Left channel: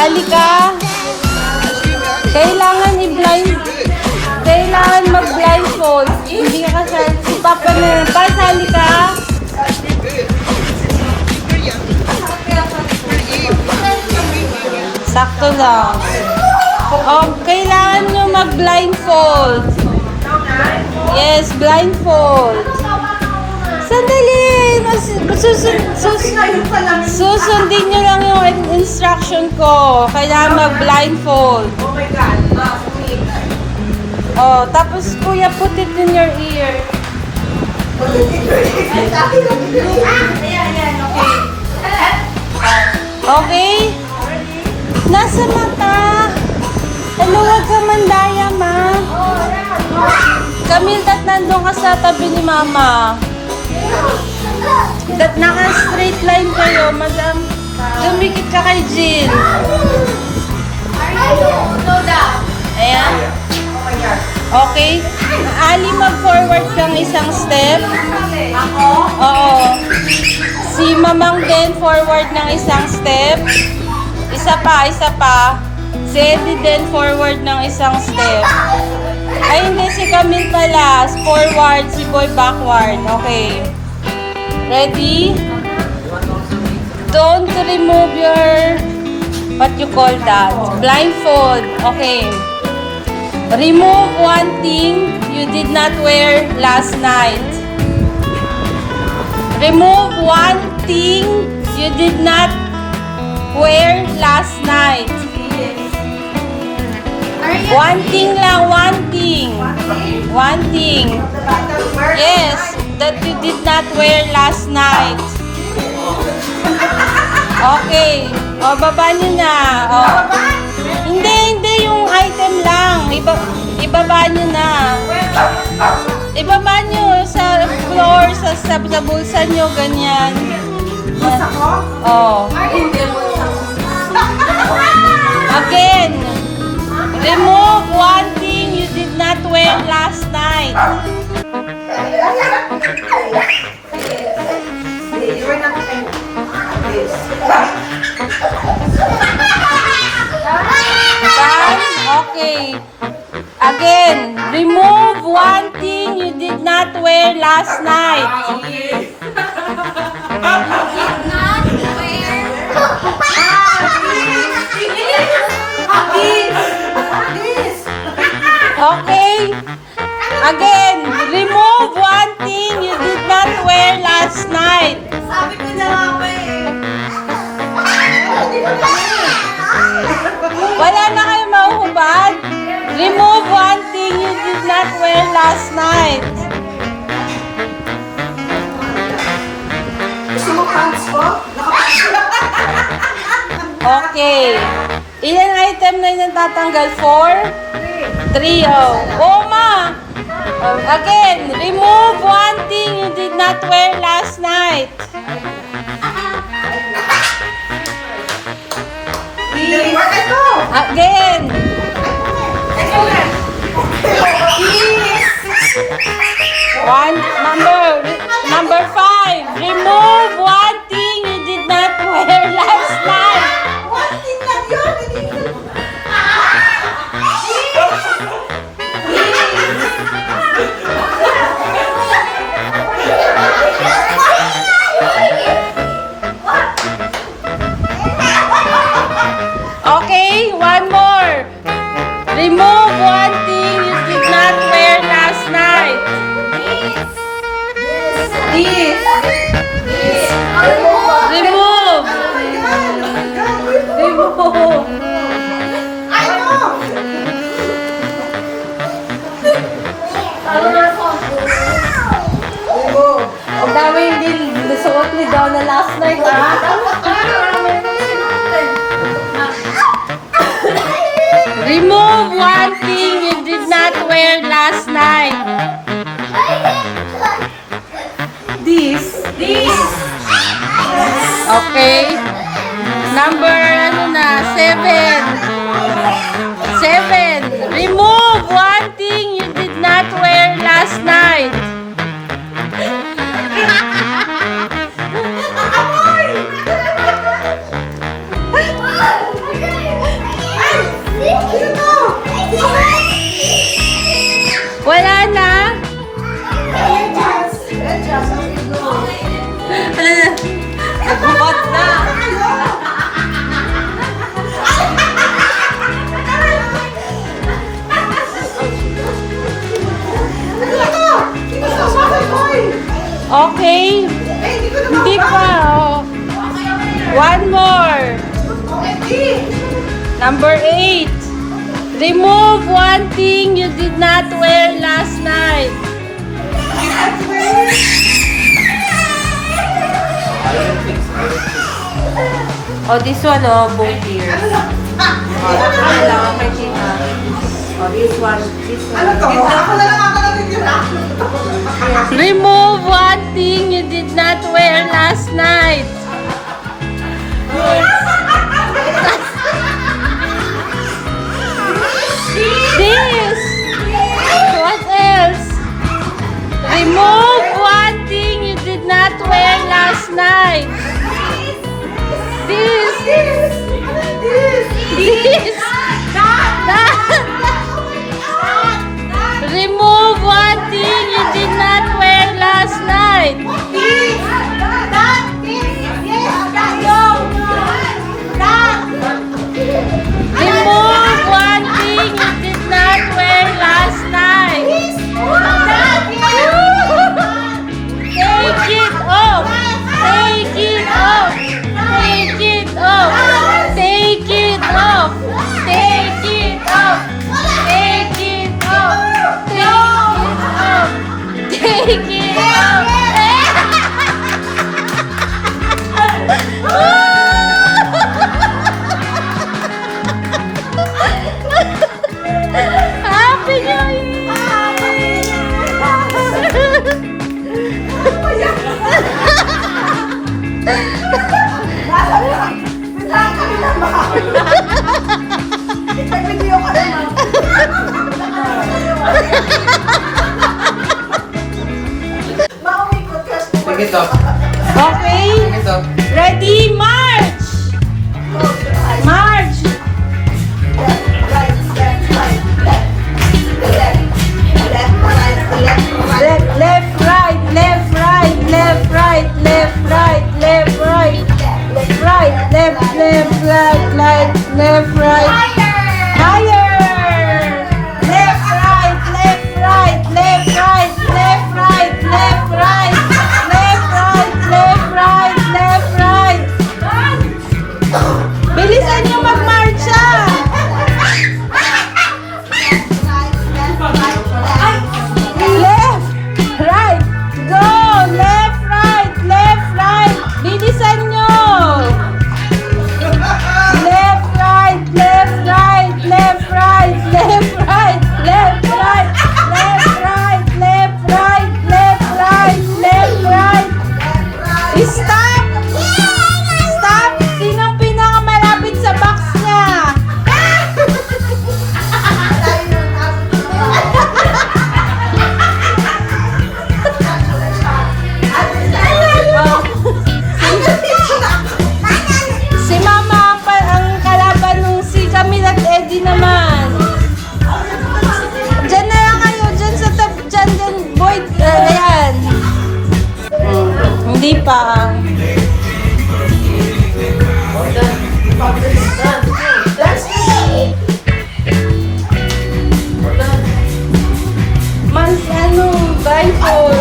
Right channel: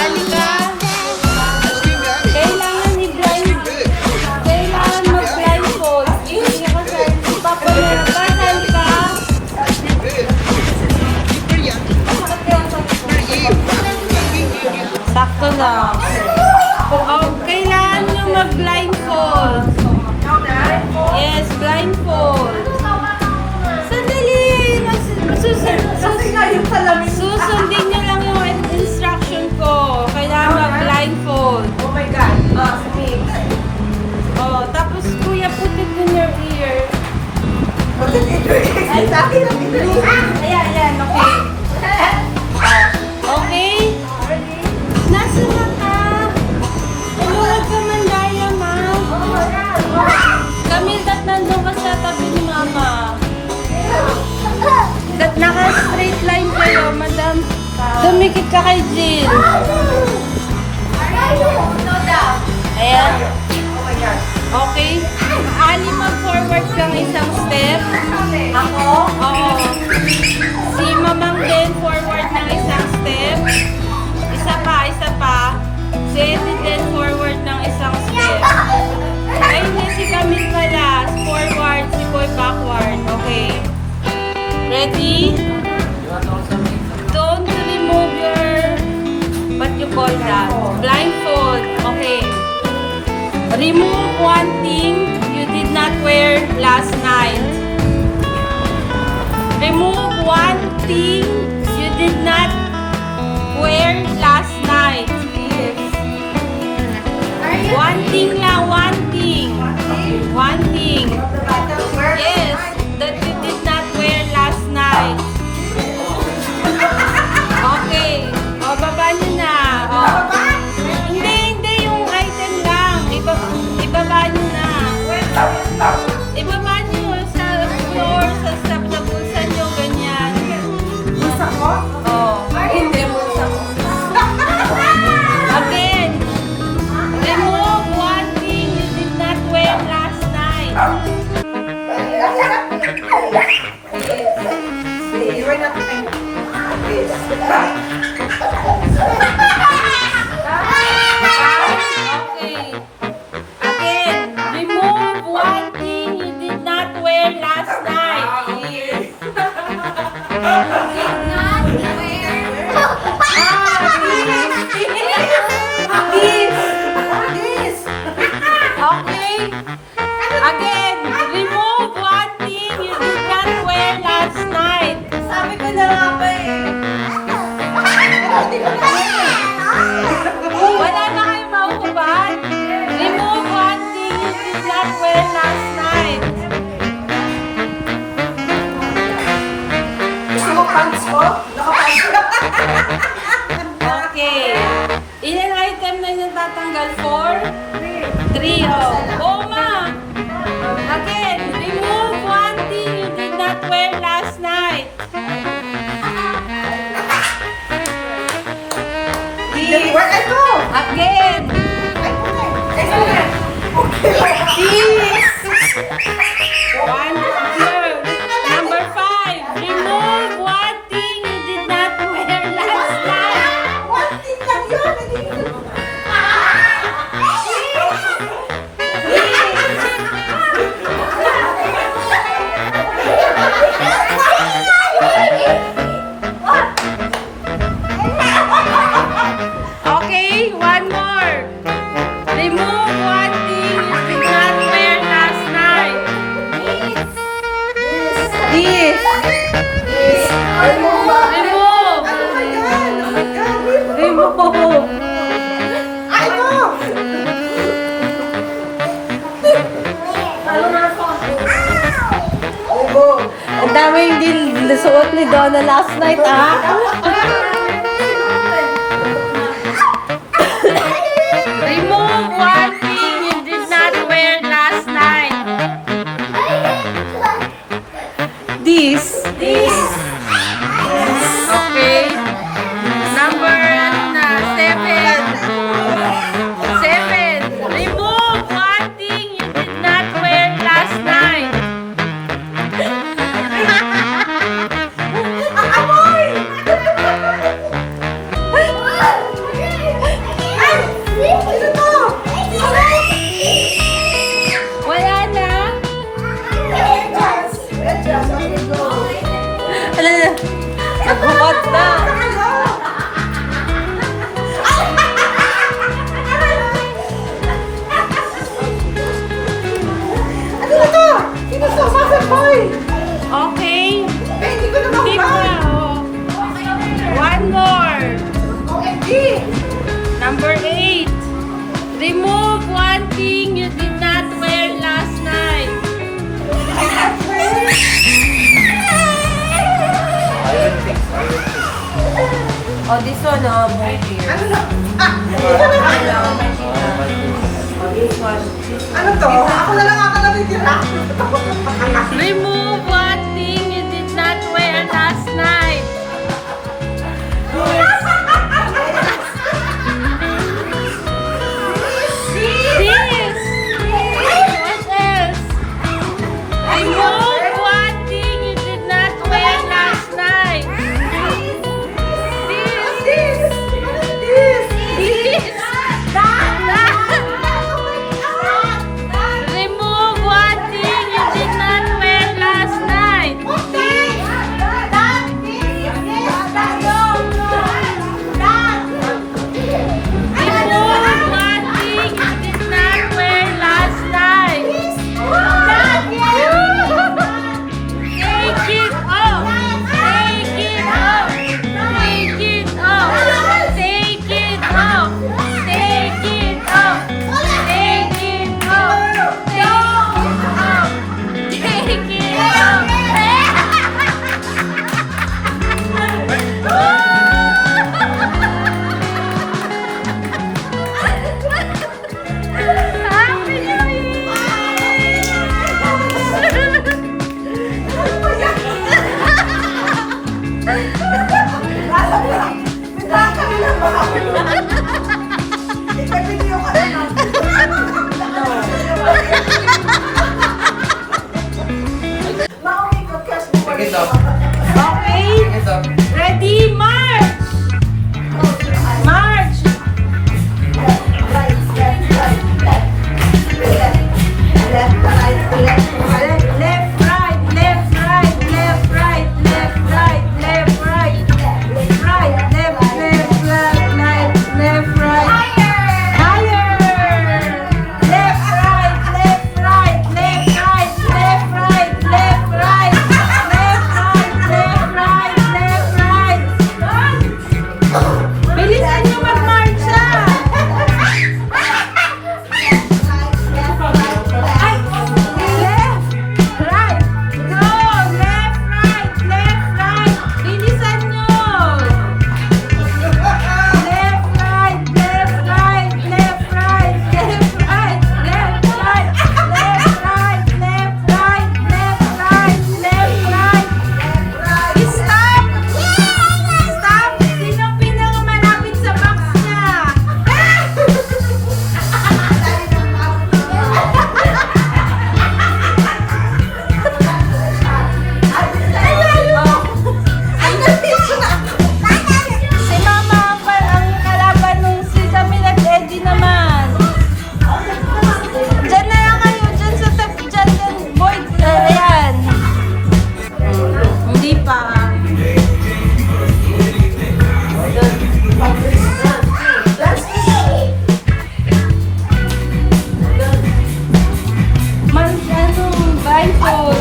Sali ka. Kailangan i-blindfold. Kailangan mag-blindfold. Hindi ka sali. Sali ka. Sakto lang. Oh, kailangan nyo mag-blindfold. Yes, blindfold. Sandali. Susundin nyo lang yung instruction ko. Kailangan mag-blindfold. Oh my God. Oh, tapos kuya, put it in your ear. Ayan, okay. Okay? Nasa mata. Umuwag ka mandaya, ma. Camille, dat nandun ka sa tabi ni mama. Dat naka-straight line kayo, madam. Dumikit ka kay Jill. Ayan. Okay. Ali, mag-forward kang isang step. Ako? Oo. Si Mamang din, forward ng isang step. Isa pa. Si Eddie din, forward ng isang step. Ay, hindi, si Camille pala. Forward, si Boy backward. Okay. Ready? Don't remove your, what you call that? Blindfold. Okay. Remove one thing you did not wear last night. Remove one thing you did not wear last night. One thing lang, one thing. One thing. Yes, that you did not wear last night. Okay. O, baba niyo na. O. Hindi yung item lang. Ibaba niyo na. Ibaba niyo sa floor, sa bulsa niyo, ganyan. Gusto ko? Oh. Again. Remove one thing you did not wear last night. Iwan natin this. Okay. Again, remove one thing you did not wear last night. Okay. Again, remove one thing you did not wear last night. Sabi ko na nga pa eh. Wala na kayo mahuhubad. Remove one thing you did not wear last night. Gusto mo pants ko? Okay. Ilang item na yung tatanggal? 4? 3, oh. Oh, ma! Again, remove one thing you did not wear last night. Ito! Again. Ito na! Number 5. Remove one thing you did not wear last night. One thing lang yun! Okay, one more. Remove one thing you did not wear last night. This! Remove. Remove. Ano? Ang dami yung nasuot ni Donna last night, ah. Remove one thing you did not wear last night. This. Okay. Number 7. Remove one thing you did not wear last night. Number 8. Remove one thing you did not wear last night. Oh, this one, oh, both ears. Ano to? Ako na lang ako natitira. Remove one thing you did not wear last night. This. What else? Remove one thing you did not wear last night. This. This. Remove one thing you did not wear last night. Remove one thing you did not wear last night. Take it off. Take it off. Take it off. Take it off. Take it off. Take it off. Take it off. Happy New Sige to. Okay? Sige to. Ready? March! March! Left, right, left, right, left, right, left, right, left, right, right, left, left, right, left, right. Higher! Left, right, left, right, left, right, left, right, left, right, left, right, left, right, left, right. Bilisan niyo magmarcha! Left, right, go! Left, right, bilisan nyo! Left, right, left, right, left, right, left, right, left, right, left, right, left, right, left, right, left, right. Stop! Stop! Sinong pinakamalapit sa box niya? Si Mama ang kalaban nung si Camille at Eddie naman. Diyan na lang kayo, diyan sa top, diyan, boy, ayan. Hindi pa. Man, ano, blindfold.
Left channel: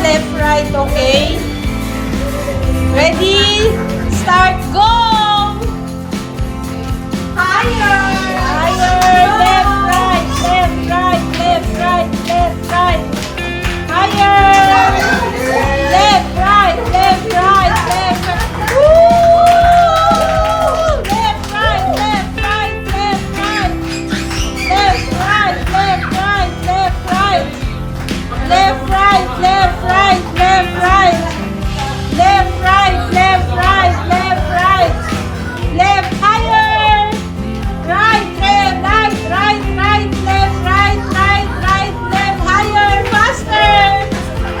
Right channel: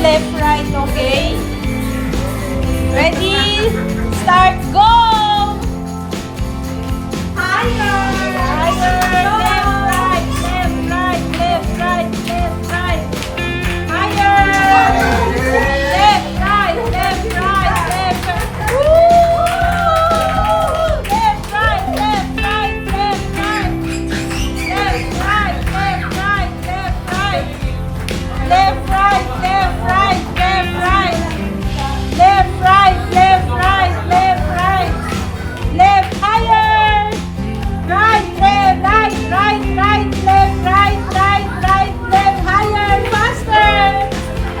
Left, right, okay? Ready? Start, go! Higher! Left, right, left, right, left, right, left, right. Higher! Left, right, left, right, left, right. Woo! Left, right, left, right, left, right. Left, right, left, right, left, right. Left, right, left, right, left, right. Left, right, left, right, left, right. Left, higher. Right, left, right, right, right, left, right, right, right, left, higher, faster.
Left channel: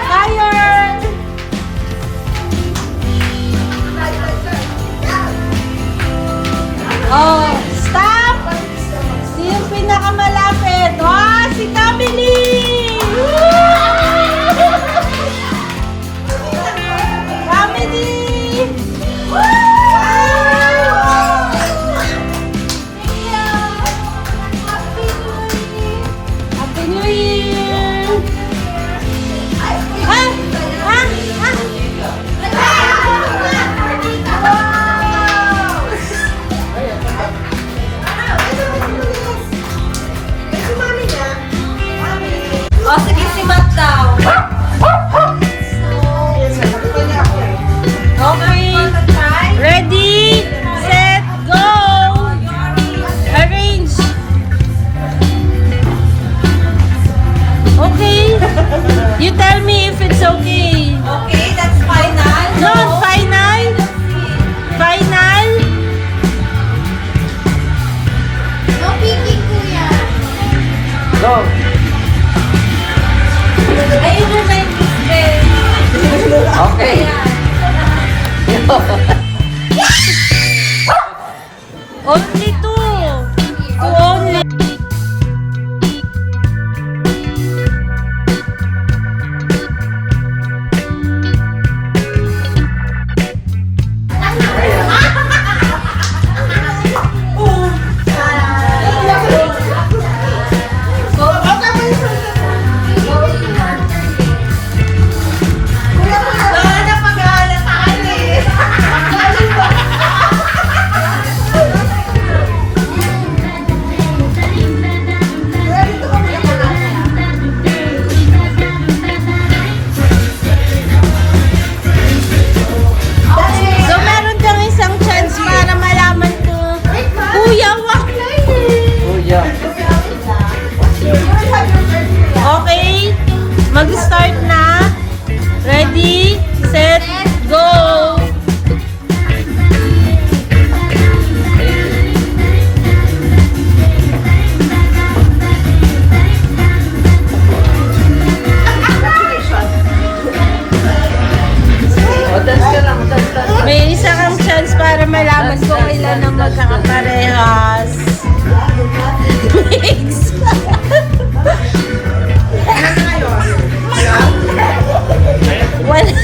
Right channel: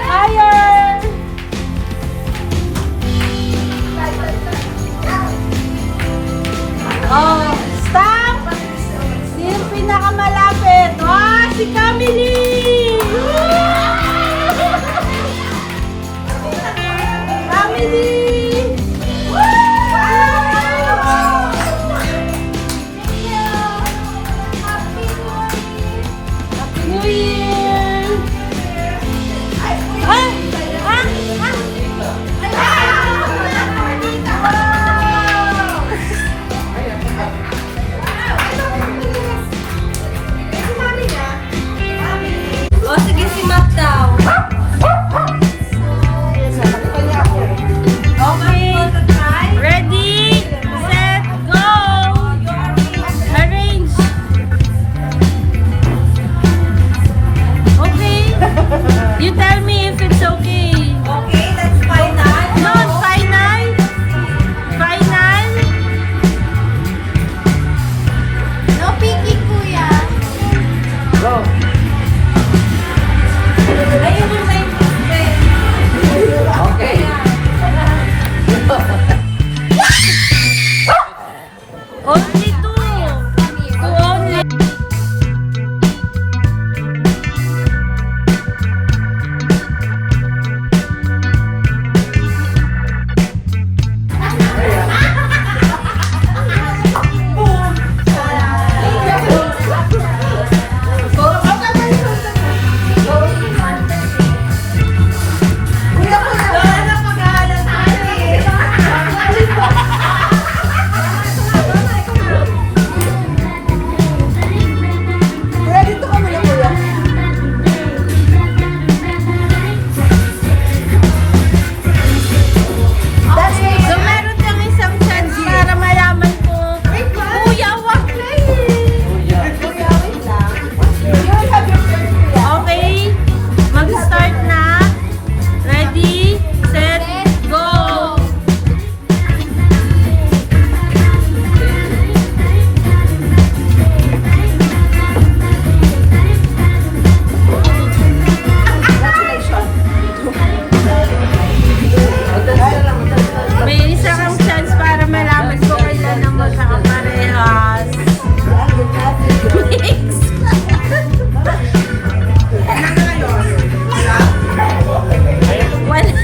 Higher. Oh, stop. pinakamalapit. Wow, si Camille! Camille! Happy New Year! Ah! Ah! Ah! O, sige, si Matt daw. Okay. Ready, set, go! Arrange. Okay. You tell me if it's okay. Okay, that's final. No, final. Final. No peeking, kuya. Ayun mo sa Okay. Only two. Two only. Lola na pag-aaral tayo eh. So, meron kang isang chance para malaman ko. Kuya, wag na Okay. Mag-start na. Ready, set, go! May isa kang chance para malaman kung ilan ang magkakaparehas. Mix. Wala.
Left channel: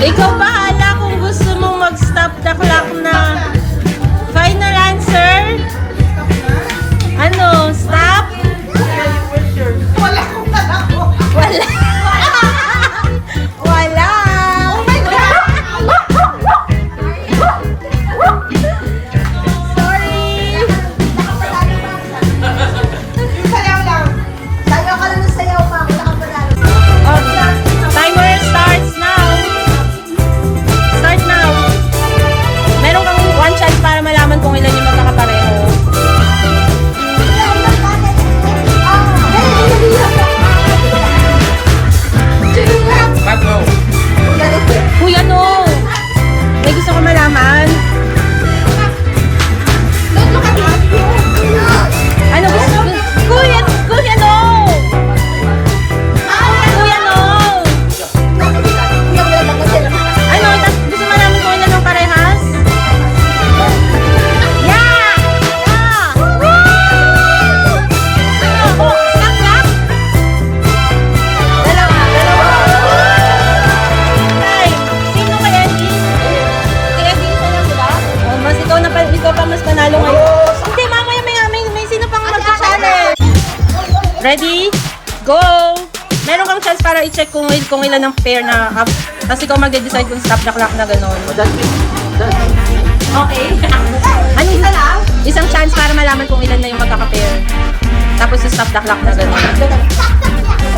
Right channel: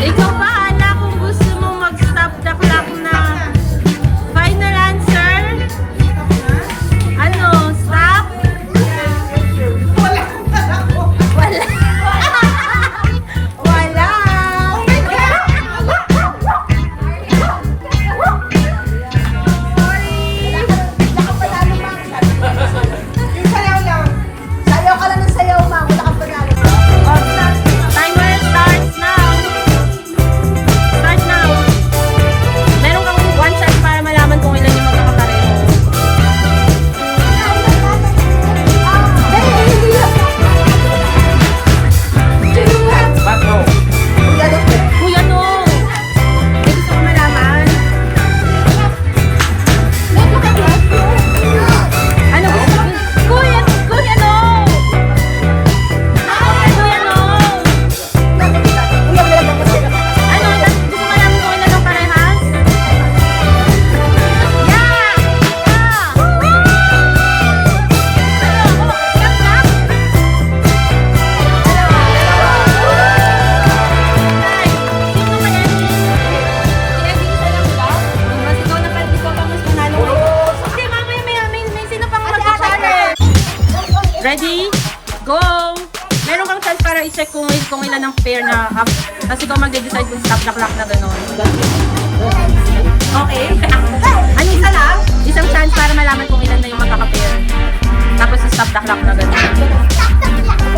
Ikaw bahala kung gusto mong mag-stop the clock na. Final answer? Ano? Stop? Wala ko na ako. Wala. Wala. Sayaw lang. Sayaw ka na ng sayaw, ma'am. Wala ka panalo. Timer starts now. Start now. Meron kang one chance para malaman kung ilan yung magkakapareho. Uy, ano? May gusto ko malaman. Ano gusto? Kuya, kuya, no! Kuya, no! Ano? Gusto malaman kung ilan ang parehas? Yeah! Sino kaya ni? Mas ikaw pa mas panalo ngayon. Hindi, mamaya may sino pang mag-challenge. Ready? Go! Meron kang chance para i-check kung ilan ang pair na tapos ikaw mag-decide kung stop the clock na gano'n. Okay. Ano isa lang? Isang chance para malaman kung ilan na yung magkaka-pair. Tapos stop the clock na gano'n.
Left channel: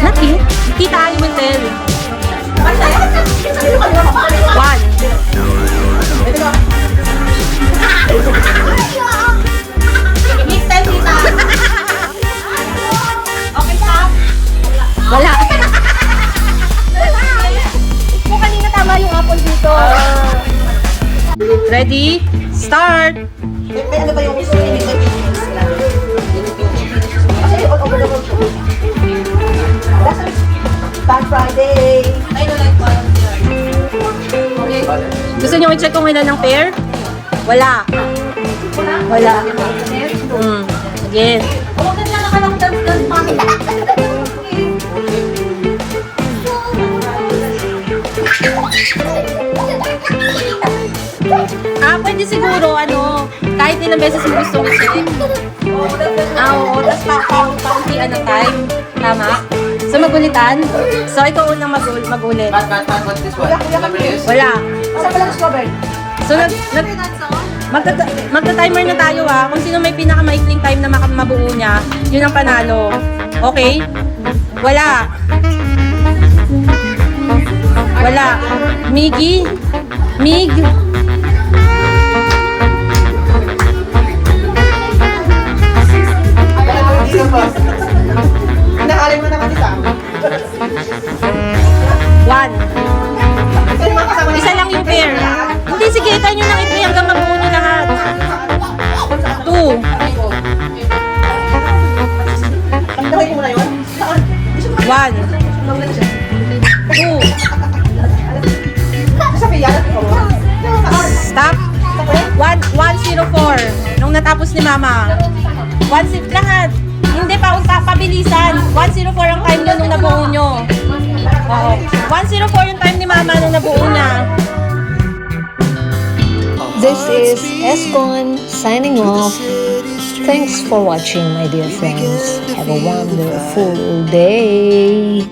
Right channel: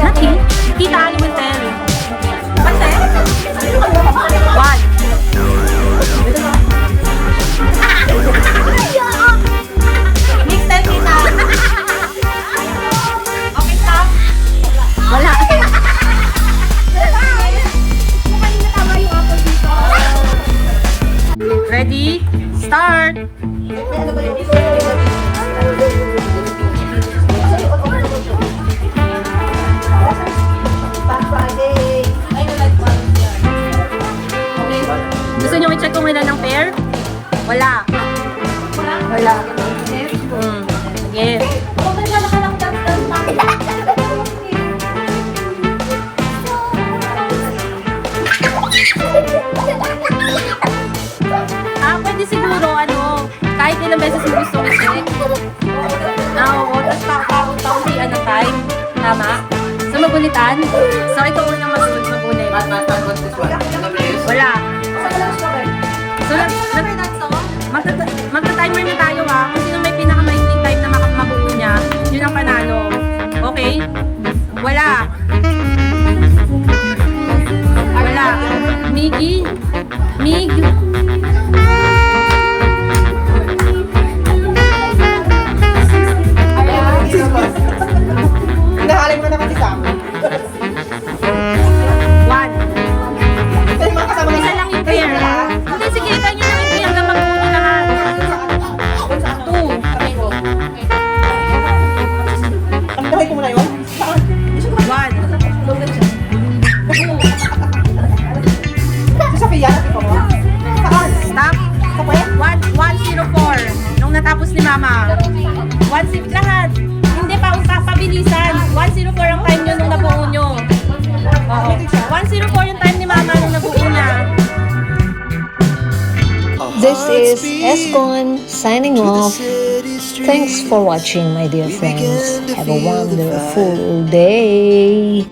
Nothing. Kita, I will tell. One. Next time kita. Okay, stop. Wala. support. May ano ba yung gusto mo? Tag Friday. I don't like volunteer. Gusto niyo i-check kung ilan ng pair? Wala. Wala. Yes. Huwag ka na lang dance mami. Pwede siguro, kahit ilang beses mo gusto i-check. Oo, tapos kaunti-kauntian ng time. Tama? So, magulitan? So, ikaw unang magulit. Wala. So, magta-timer na tayo kung sino may pinakamaikling time na mabuo niya, yun ang panalo. Okay? Wala. Wala. Miggy? Mig? Nahalin ko naman isa. One. Isa lang yung pair. Hindi, sige, tayo nyo lang i-pair hanggang mabuo nyo lahat. Two. Ang dami ko muna yun. One. Two. Sabi yan. Stop. 104. Nung natapos ni Mama. 1-0 lahat. Hindi pa, pabilisan. 104 ang time nyo nung nabuo nyo. Oo. 104 yung time ni Mama nung nabuo niya. This is Escon signing off. Thanks for watching, my dear friends. Have a wonderful day.